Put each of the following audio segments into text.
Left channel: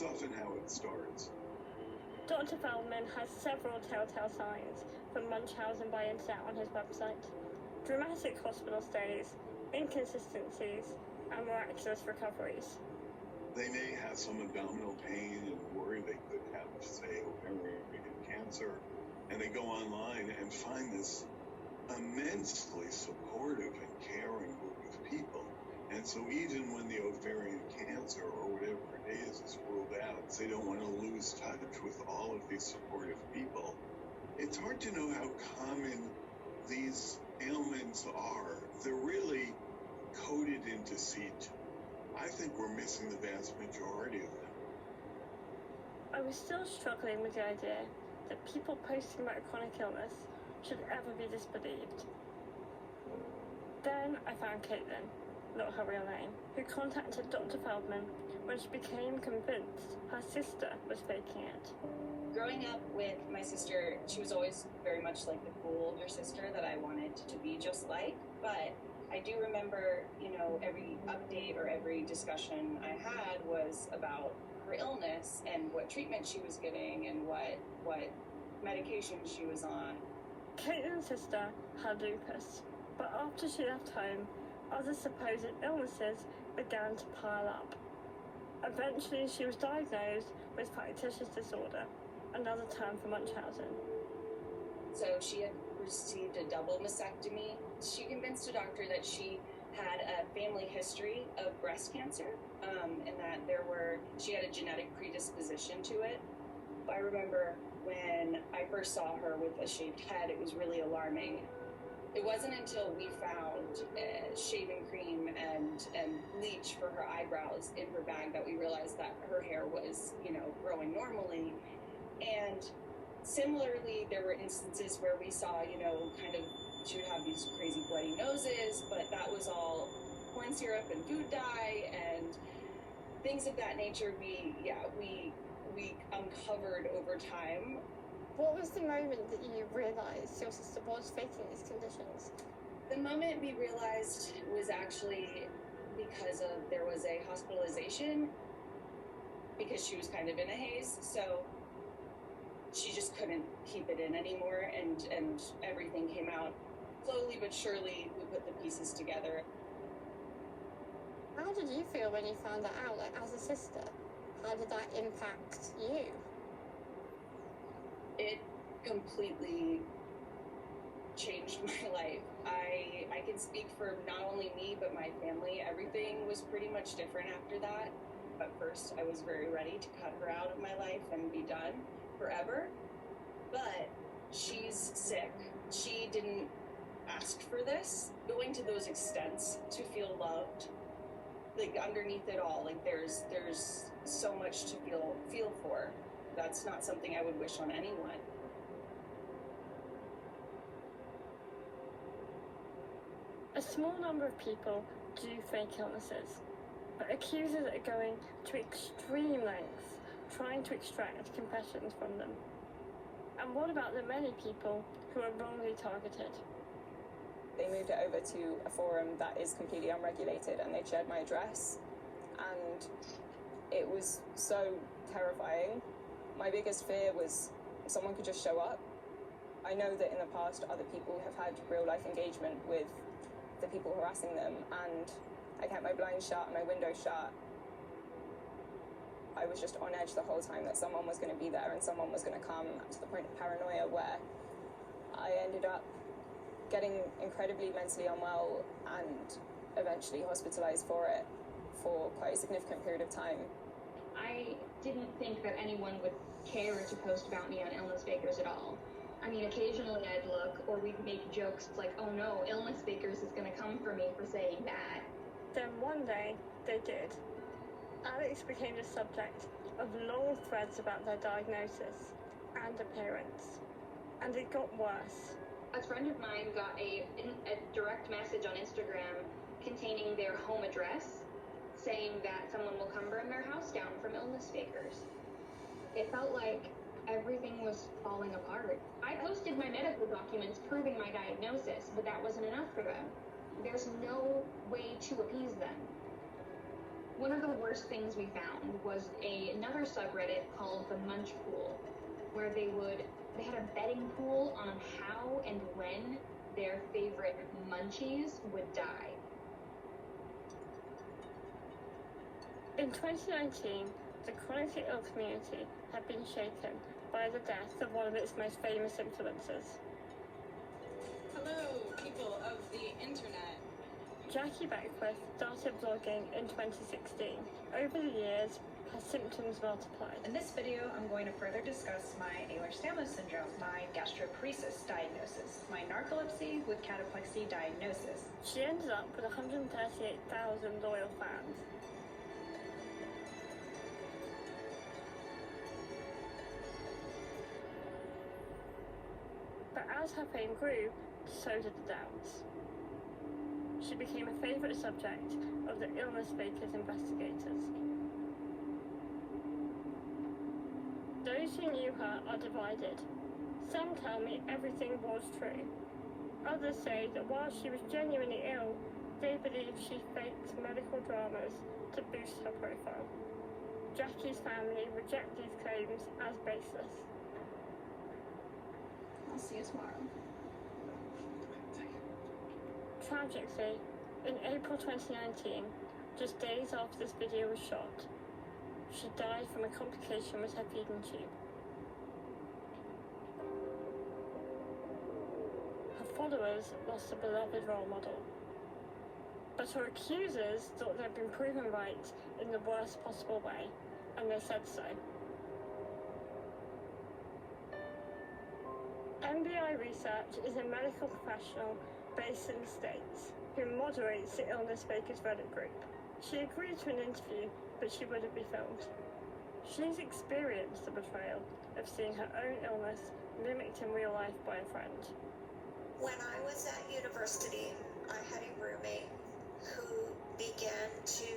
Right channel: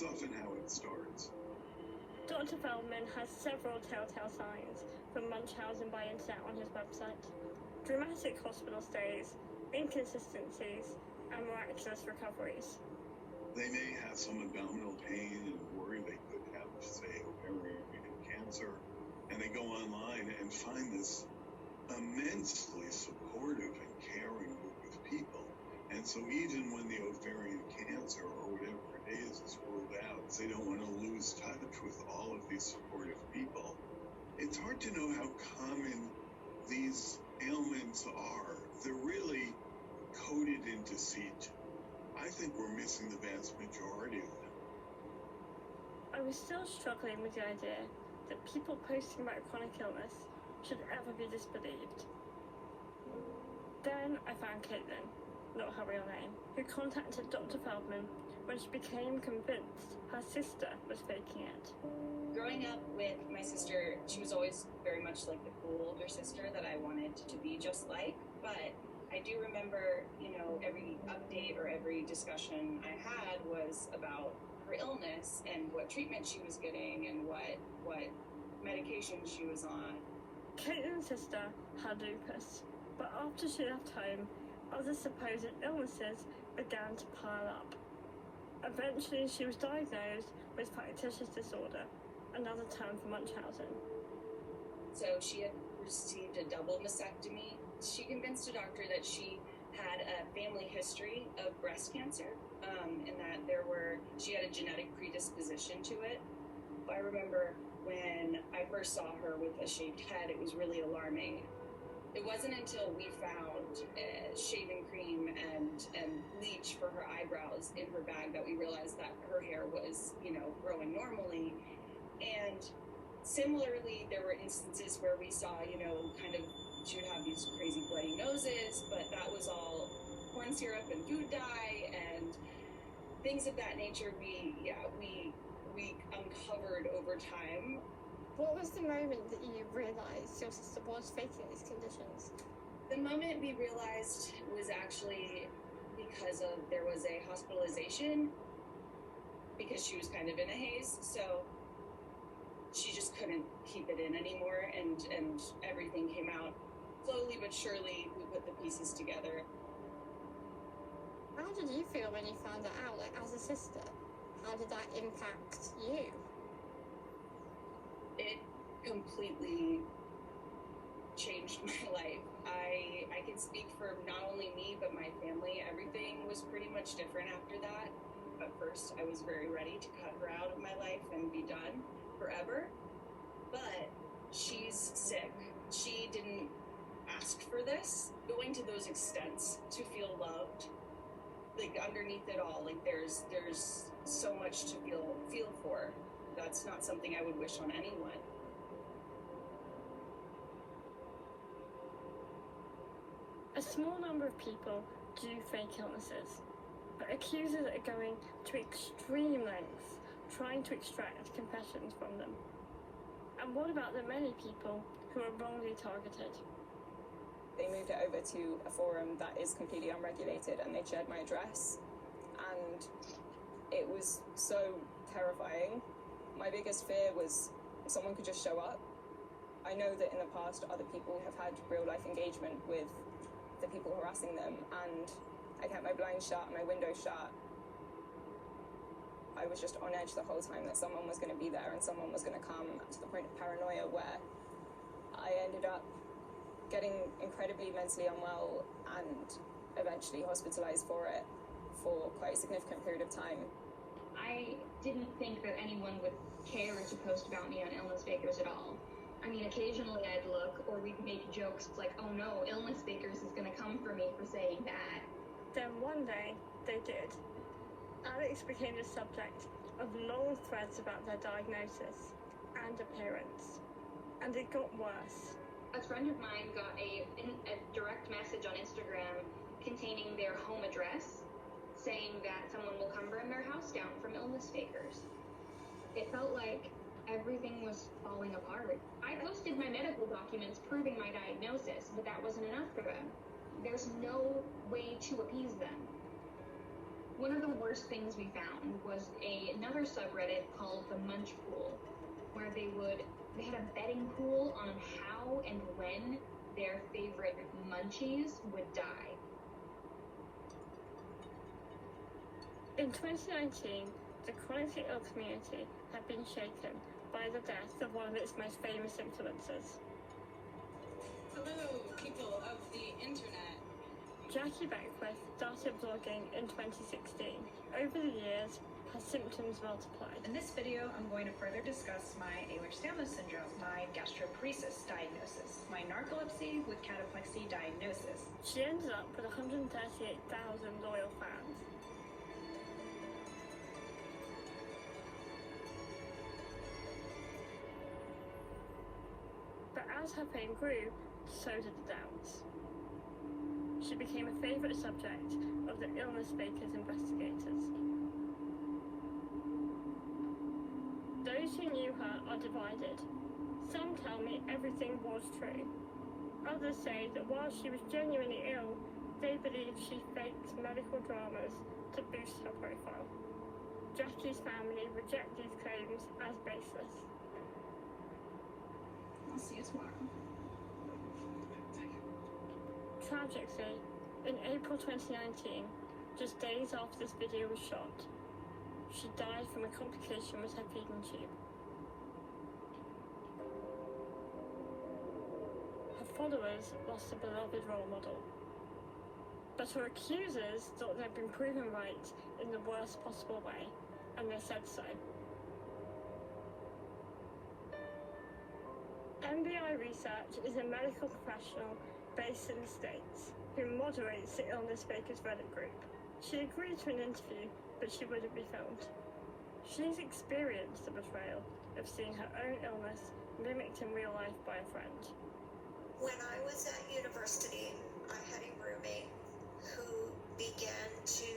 That's often how it starts. Dr. Feldman has several telltale signs for Munchausen by Internet on his website. Dramatic hospital stays, inconsistencies, and miraculous recoveries. They may have some abdominal pain and worry they could have, say, ovarian cancer, and they go online and find this immensely supportive and caring group of people. And so even when the ovarian cancer or whatever it is ruled out, they don't want to lose touch with all of these supportive people. It's hard to know how common these ailments are. They're really coded into situ. I think we're missing the vast majority of them. I was still struggling with the idea that people posting about chronic illness should ever be disbelieved. Then I found Caitlin, not her real name, who contacted Dr. Feldman when she became convinced her sister was faking it. Growing up with my sister, she was always very much like the cool older sister that I wanted to be just like, but I do remember, every update or every discussion I had was about her illness and what treatment she was getting and what medication she was on. Caitlin's sister had lupus, but after she left home, other supposed illnesses began to pile up. Eventually, she was diagnosed with factitious disorder, another term for Munchausen. So she had received a double mastectomy. She convinced a doctor that she had a family history of breast cancer, and that she had a genetic predisposition to it. I remember when I first saw her with a shaved head, it was really alarming. It wasn't until we found shaving cream and bleach for her eyebrows in her bag that we realized that her hair was, growing normally. And similarly, there were instances where we saw, she would have these crazy bloody noses, but that was all corn syrup and food dye and things of that nature. We uncovered over time. What was the moment that you realised your sister was faking these conditions? The moment we realized was actually because there was a hospitalization because she was kind of in a haze, so she just couldn't keep it in anymore, and everything came out. Slowly but surely, we put the pieces together. How did you feel when you found that out, as a sister? How did that impact you? It completely changed my life. I can speak for not only me, but my family. Everything was pretty much different after that. At first, I was very ready to cut her out of my life and be done forever. But she's sick. She didn't ask for this. Going to those extents to feel loved, underneath it all, there's so much to feel for. That's not something I would wish on anyone. A small number of people do fake illnesses, but accusers are going to extreme lengths trying to extract confessions from them. And what about the many people who are wrongly targeted? They moved it over to a forum that is completely unregulated, and they shared my address, and it was so terrifying. My biggest fear was someone could just show up. I know that in the past other people have had real life engagement with the people harassing them, and I kept my blinds shut and my windows shut. I was just on edge the whole time that someone was going to be there and someone was going to come, to the point of paranoia where I ended up getting incredibly mentally unwell and eventually hospitalized for it for quite a significant period of time. I didn't think that anyone would care to post about me on Illness Fakers at all. I mean, occasionally I'd look, or we'd make jokes like, oh no, Illness Fakers is going to come for me for saying that. Then one day, they did. Alex became the subject of long threads about their diagnosis and appearance. And it got worse. A friend of mine got a direct message on Instagram containing their home address, saying that someone will come burn their house down from Illness Fakers. It felt like everything was falling apart. I posted my medical documents proving my diagnosis, but that wasn't enough for them. There's no way to appease them. One of the worst things we found was another subreddit called the Munch Pool, where they had a betting pool on how and when their favorite munchies would die. In 2019, the chronically ill community had been shaken by the death of one of its most famous influencers. Hello, people of the internet. Jackie Beckwith started blogging in 2016. Over the years, her symptoms multiplied. In this video, I'm going to further discuss my Ehlers-Danlos syndrome, my gastroparesis diagnosis, my narcolepsy with cataplexy diagnosis. She ended up with 138,000 loyal fans. But as her fame grew, so did the doubts. She became a favourite subject of the Illness Fakers investigators. Those who knew her are divided. Some tell me everything was true. Others say that while she was genuinely ill, they believe she faked medical dramas to boost her profile. Jackie's family reject these claims as baseless. I'll see you tomorrow. Tragically, in April 2019, just days after this video was shot, she died from a complication with her feeding tube. Her followers lost a beloved role model, but her accusers thought they'd been proven right in the worst possible way, and they said so. MBI Research is a medical professional based in the States who moderates the Illness Fakers Reddit group. She agreed to an interview, but she wouldn't be filmed. She's experienced the betrayal of seeing her own illness mimicked in real life by a friend. When I was at university, I had a roommate who began to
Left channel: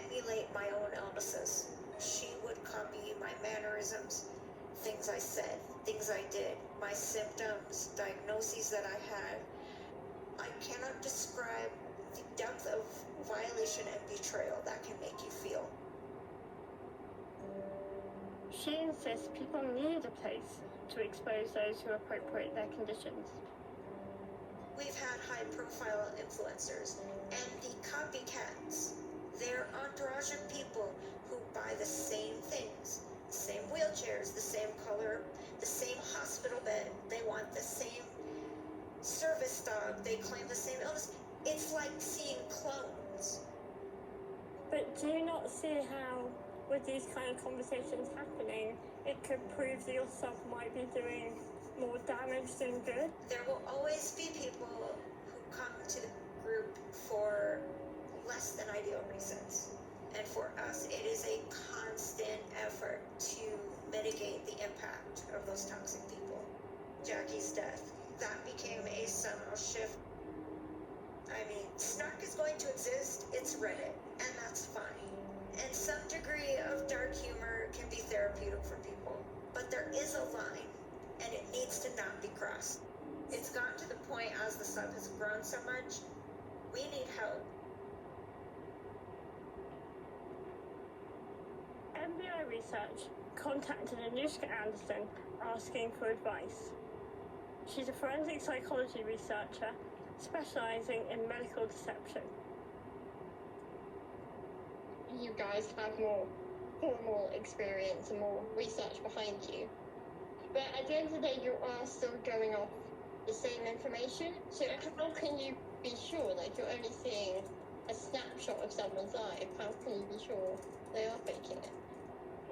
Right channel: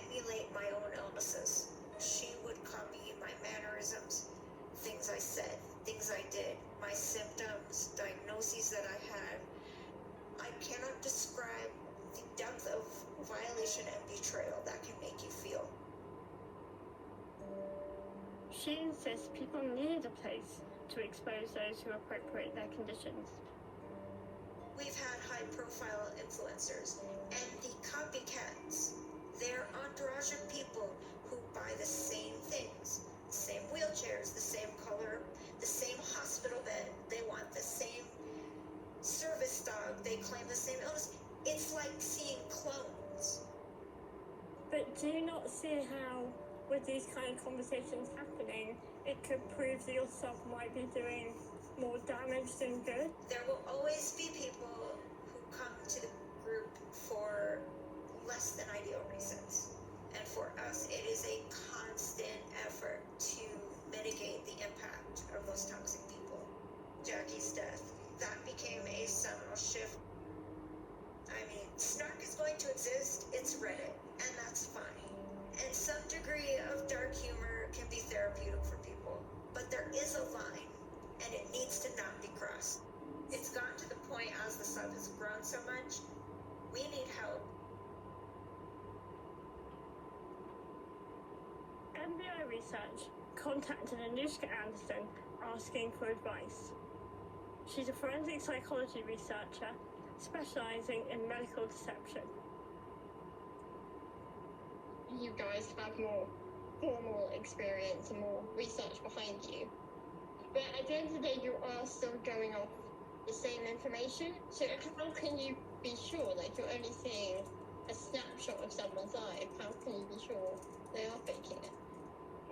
emulate my own illnesses. She would copy my mannerisms, things I said, things I did, my symptoms, diagnoses that I had. I cannot describe the depth of violation and betrayal that can make you feel. She insists people need a place to expose those who appropriate their conditions. We've had high-profile influencers and the copycats. They're entourage of people who buy the same things, the same wheelchairs, the same color, the same hospital bed. They want the same service dog. They claim the same illness. It's like seeing clones. But do you not see how, with these kind of conversations happening, it could prove that your sub might be doing more damage than good? There will always be people who come to the group for less than ideal reasons. And for us, it is a constant effort to mitigate the impact of those toxic people. Jackie's death, that became a seminal shift. I mean, snark is going to exist, it's Reddit, and that's fine. And some degree of dark humor can be therapeutic for people, but there is a line, and it needs to not be crossed. It's gotten to the point as the sub has grown so much, we need help. MBI Research contacted Anushka Anderson asking for advice. She's a forensic psychology researcher specializing in medical deception. You guys have more formal experience and more research behind you. But at the end of the day, you are still going off the same information. So how can you be sure that you're only seeing a snapshot of someone's life? How can you be sure they are faking it?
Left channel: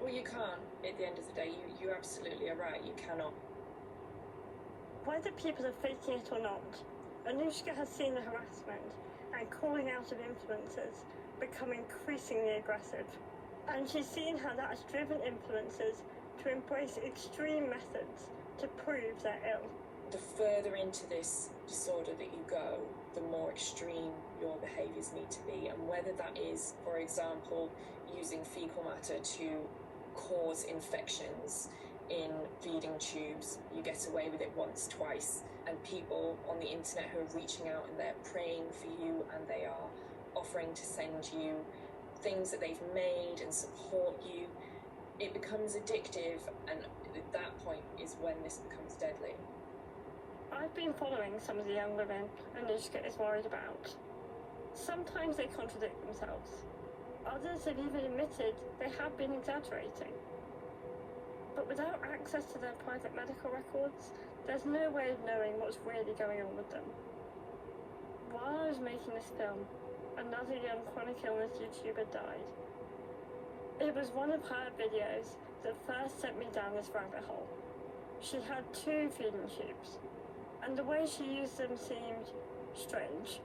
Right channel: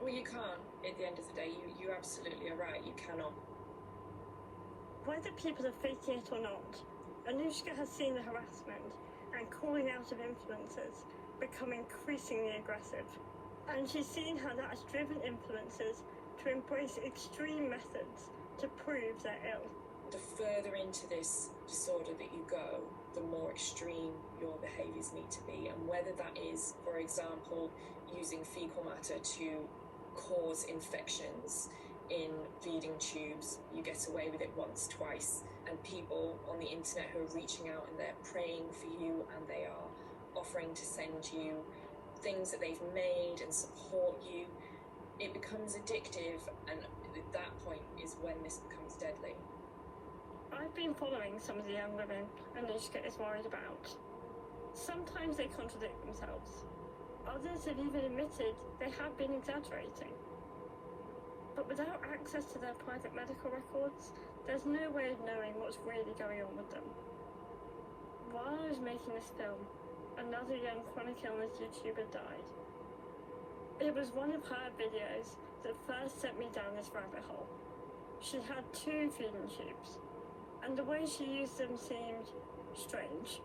Well, you can't. At the end of the day, you absolutely are right. You cannot. Whether people are faking it or not, Anushka has seen the harassment and calling out of influencers become increasingly aggressive. And she's seen how that has driven influencers to embrace extreme methods to prove they're ill. The further into this disorder that you go, the more extreme your behaviours need to be. And whether that is, for example, using fecal matter to cause infections in feeding tubes, you get away with it once, twice. And people on the internet who are reaching out and they're praying for you and they are offering to send you things that they've made and support you, it becomes addictive, and at that point is when this becomes deadly. I've been following some of the young women Anushka is worried about. Sometimes they contradict themselves. Others have even admitted they have been exaggerating. But without access to their private medical records, there's no way of knowing what's really going on with them. While I was making this film, another young chronic illness YouTuber died. It was one of her videos that first sent me down this rabbit hole. She had 2 feeding tubes, and the way she used them seemed strange.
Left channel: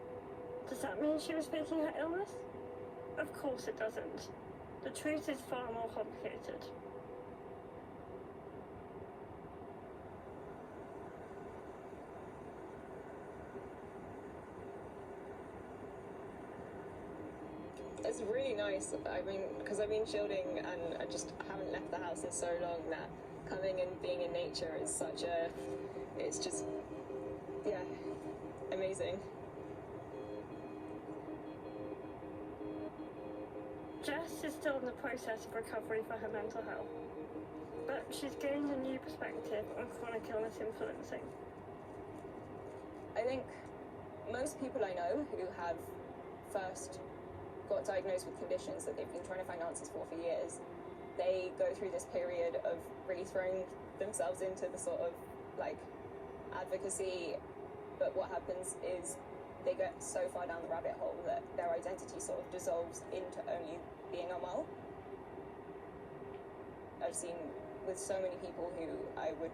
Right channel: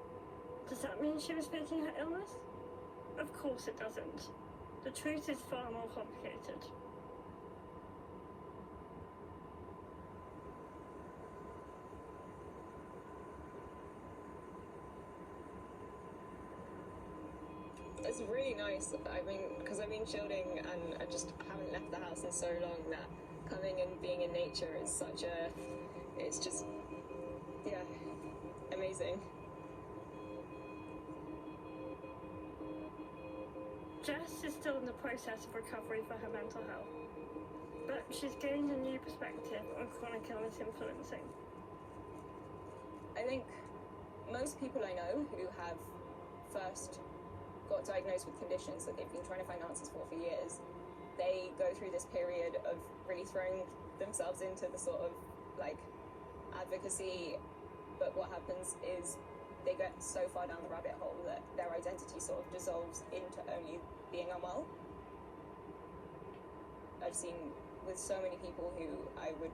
Does that mean she was faking her illness? Of course it doesn't. The truth is far more complicated. It's really nice. I mean, because I've been shielding and I just haven't left the house in so long that coming and being in nature is such a, it's just, yeah, amazing. Jess is still in the process of recovery for her mental health, but she's gained a new perspective on chronic illness influencing. I think most people I know who have first got diagnosed with conditions that they've been trying to find answers for years, they go through this period of really throwing themselves into the sort of like advocacy, but what happens is they get so far down the rabbit hole that their identity sort of dissolves into only being unwell. I've seen with so many people who I would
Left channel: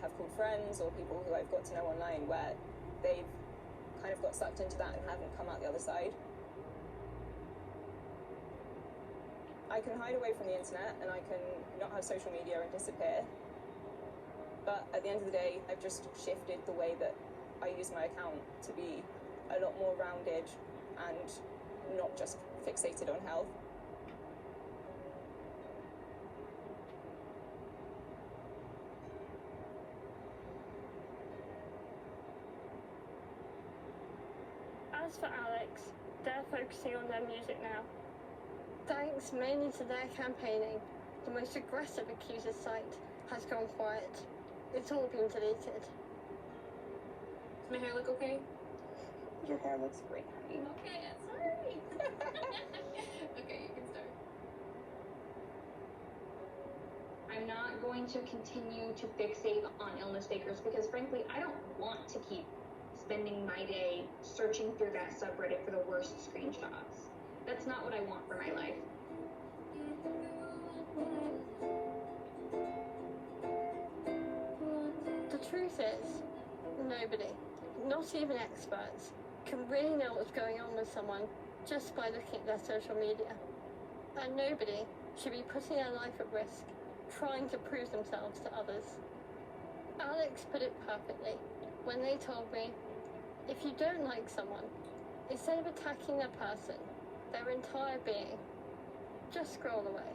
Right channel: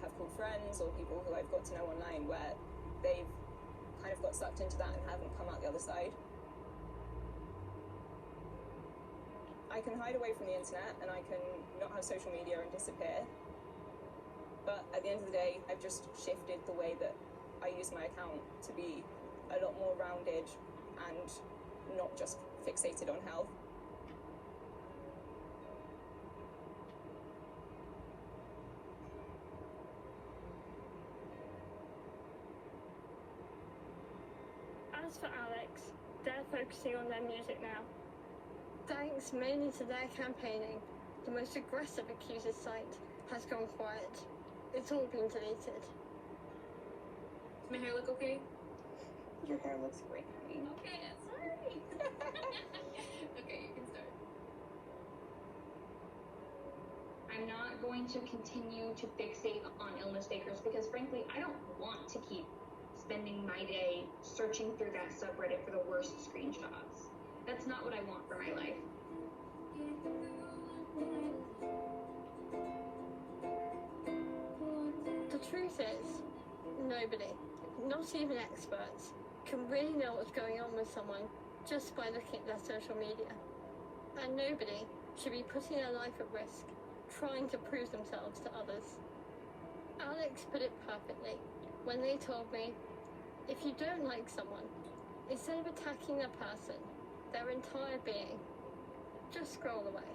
have called friends or people who I've got to know online where they've kind of got sucked into that and haven't come out the other side. I can hide away from the internet and I can not have social media and disappear, but at the end of the day I've just shifted the way that I use my account to be a lot more rounded and not just fixated on health. As for Alex, they're focusing on their music now. Thanks mainly to their campaigning, the most aggressive accuser site has gone quiet. It's all been deleted. Does my hair look okay? Your hair looks great, honey. Okay, sorry. Okay, you can start. I'm not going to continue to fixate on illness fakers because frankly, I don't want to keep spending my day searching through that subreddit for the worst screenshots. That's not what I want for my life. The truth is, nobody, not even experts, can really know what's going on with someone just by looking at their social media. And nobody should be putting their life at risk, trying to prove themselves to others. Alex put it perfectly when they told me, if you don't like someone, instead of attacking their person, their entire being, just scroll away.